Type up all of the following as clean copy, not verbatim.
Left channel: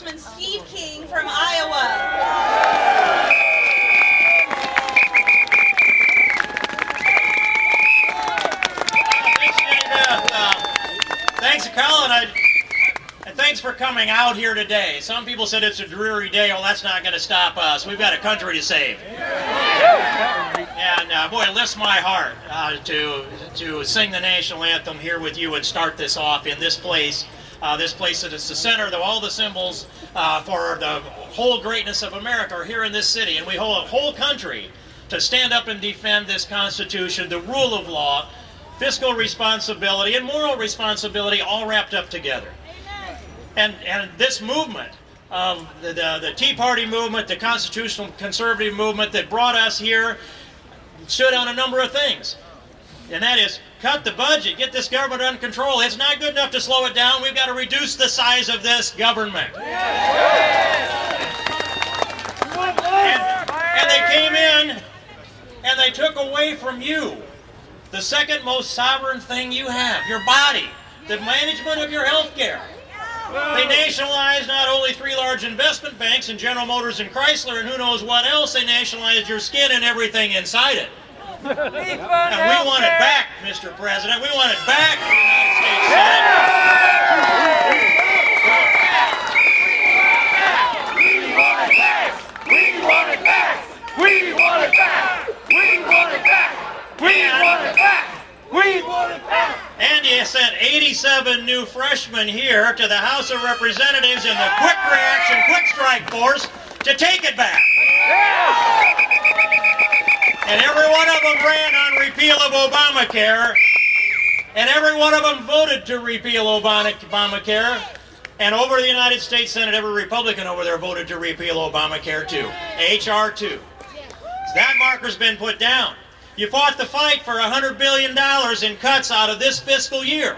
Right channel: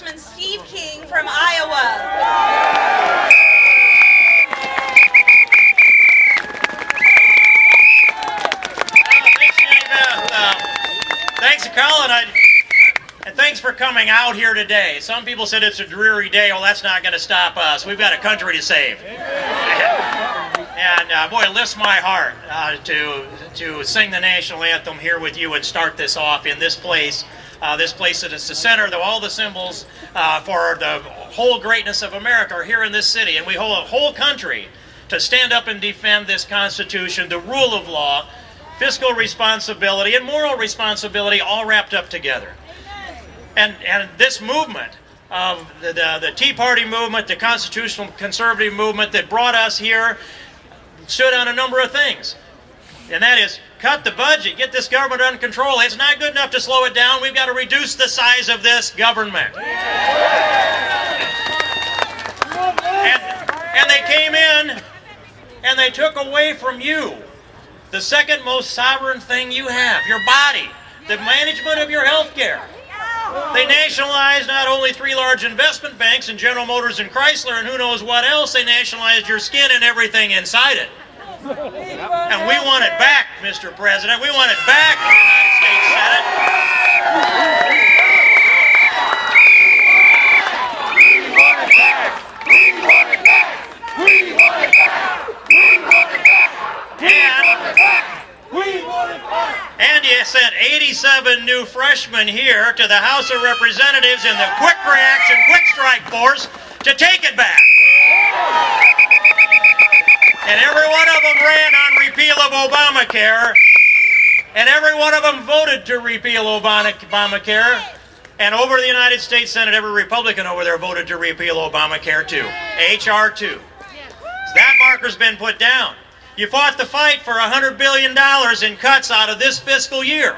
Congressman Steve King from Iowa. Thanks, Colin, and thanks for coming out here today. Some people said it's a dreary day. Well, that's not going to stop us. We've got a country to save. And boy, it lifts my heart to sing the national anthem here with you and start this off in this place. This place that is the center of all the symbols for the whole greatness of America are here in this city. And we hold a whole country to stand up and defend this Constitution, the rule of law, fiscal responsibility, and moral responsibility all wrapped up together. And this movement, the Tea Party movement, the constitutional conservative movement that brought us here, stood on a number of things. And that is, cut the budget, get this government under control. It's not good enough to slow it down. We've got to reduce the size of this government. And they came in and they took away from you the second most sovereign thing you have, your body, the management of your health care. They nationalized not only 3 large investment banks and General Motors and Chrysler and who knows what else, they nationalized your skin and everything inside it. And we want it back, Mr. President. We want it back in the United States Senate. We want it back. We want it back. We want it back. We want it back. We want it back. We want it back. And you sent 87 new freshmen here to the House of Representatives in the quick reaction, quick strike force to take it back. And every one of them ran on repeal of Obamacare, and every one of them voted to repeal Obamacare, and over the United States Senate, every Republican over there voted to repeal Obamacare too, H.R. 2. So that marker's been put down. You fought the fight for $100 billion in cuts out of this fiscal year.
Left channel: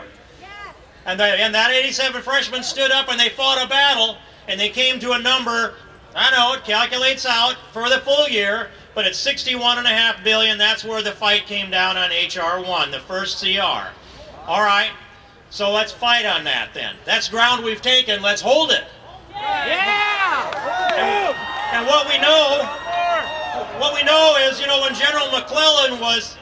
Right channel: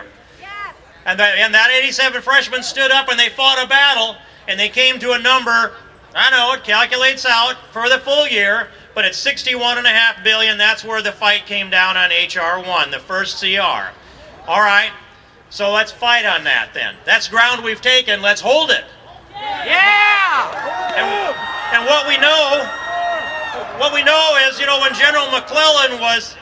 And that 87 freshmen stood up and they fought a battle, and they came to a number, I know it calculates out for the full year, but it's $61.5 billion. That's where the fight came down on H.R. 1, the first CR. All right, so let's fight on that then. That's ground we've taken. Let's hold it. Yeah! And what we know is, you know, when General McClellan was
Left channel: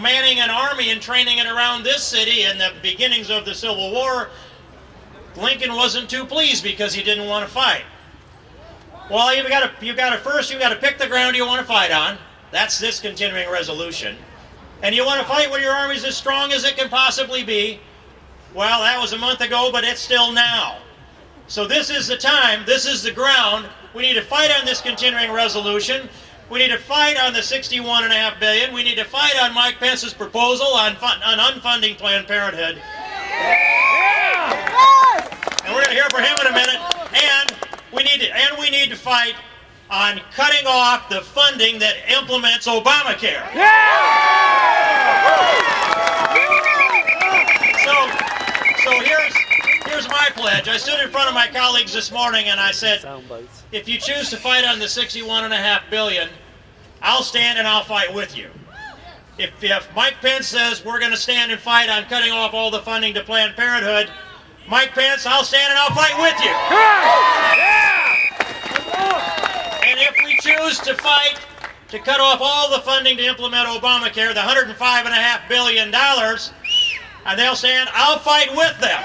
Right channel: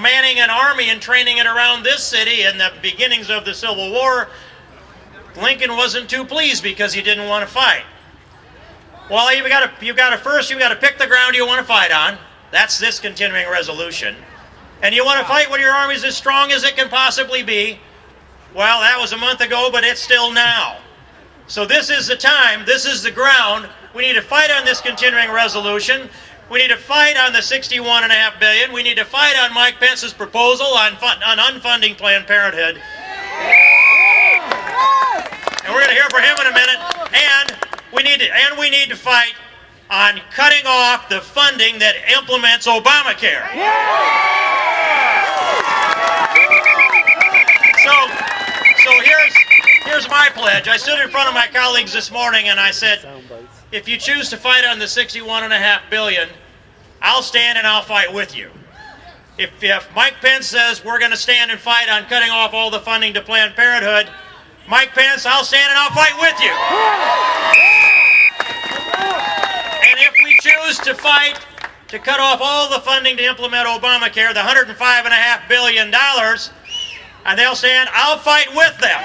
manning an army and training it around this city in the beginnings of the Civil War, Lincoln wasn't too pleased because he didn't want to fight. Well, you got to pick the ground you want to fight on. That's this continuing resolution. And you want to fight when your army's as strong as it can possibly be. Well, that was a month ago, but it's still now. So this is the time, this is the ground. We need to fight on this continuing resolution. We need to fight on the $61.5 billion. We need to fight on Mike Pence's proposal on unfunding Planned Parenthood. And we're going to hear from him in a minute. And we need to fight on cutting off the funding that implements Obamacare. So here's my pledge. I stood in front of my colleagues this morning and I said, if you choose to fight on the $61.5 billion, I'll stand and I'll fight with you. If Mike Pence says we're going to stand and fight on cutting off all the funding to Planned Parenthood, Mike Pence, I'll stand and I'll fight with you. And if we choose to fight to cut off all the funding to implement Obamacare, the $105.5 billion, and they'll stand, I'll fight with them.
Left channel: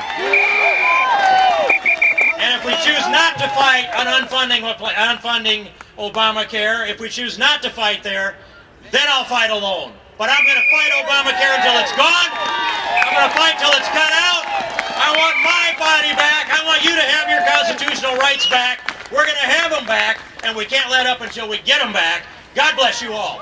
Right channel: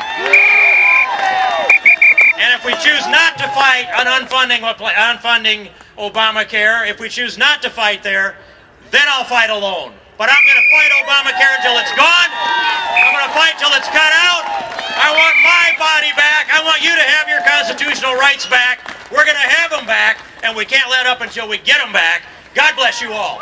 And if we choose not to fight on unfunding Obamacare, if we choose not to fight there, then I'll fight alone. But I'm going to fight Obamacare until it's gone. I'm going to fight till it's cut out. I want my body back. I want you to have your constitutional rights back. We're going to have them back, and we can't let up until we get them back. God bless you all.